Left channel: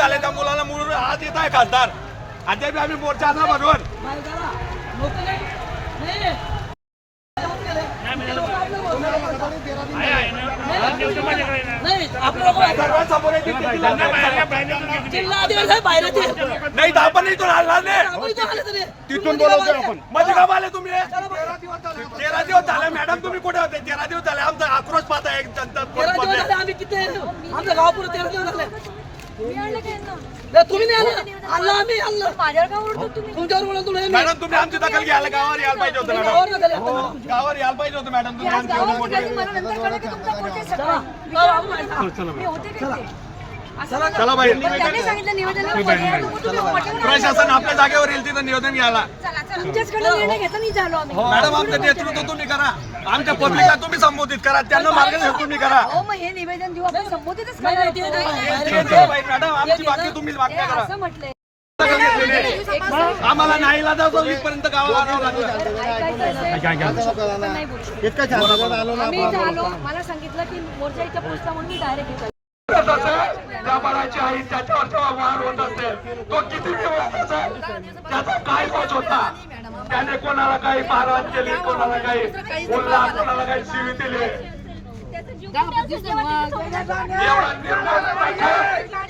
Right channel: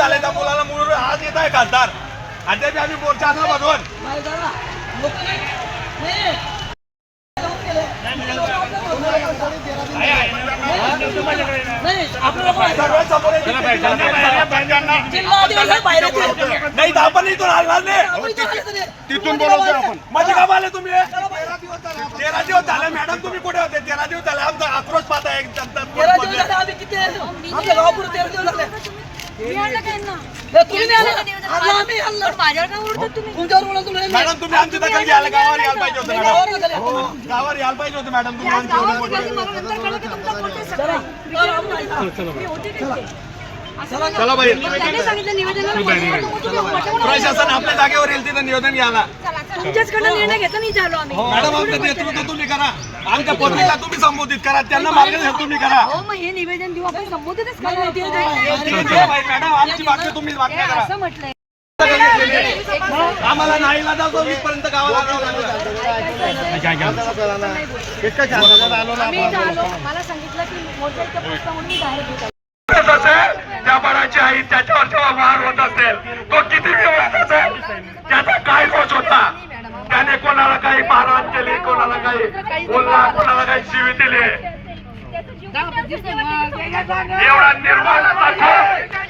झाले त्या मुलाला मुलं आज येत आहे खासदार. बी आम्ही मोर्चा आणला बनवून नाही आपण इथून हलणार नाही. तिथून बोलवतो आपण. म्हणजे का आले तुम्ही? तेरा दिवस झाले मॅडम तुम्ही कुठे होते? तेरा दिवस झाले. आमचा आक्रोश पाहता एक जनता मॅडम तुम्ही आमची दखल घ्यायला गावावर यायला पाहिजे होतं मॅडम. हो, गावावर यायला पाहिजे होतं मॅडम. तुम्ही आमची एवढी मोठी चला. बाई. प्रशासन आपल्या जागेवर येईल तिथं निवेदन घ्यायला निर्णय नाही झालो आम्ही. मॅडम आमचं नेतृत्व तुम्ही करा. आमच्या पत्रिका तुम्ही संबोधित करा. त्यांना मार्गदर्शन तुम्ही करा. हो मग हे निवेदन देऊ. आपण संबोधितच नाही, नाही, ते करणार. नाही, नाही, नाही, नाही. ठीक आहे, ठीक आहे, बाई, मॅडम आमची तुम्ही हे करा. असं म्हटलंय. आम्हाला नाही इथपर्यंत गावाला आणावं लागलं. आम्ही इथं आलो मला सांगितलं की मोर्चा इथं पोहोचला म्हणून मी बाहेर घेत त्या बाळाची आई त्याच्यावर जेव्हा वार होत असेल तो किती व्यवस्थित असेल? त्याचा काय दोष मारहाण केली कोणाला काही बोलला कोणाला काही शिवी दिली. एवढा निर्मळ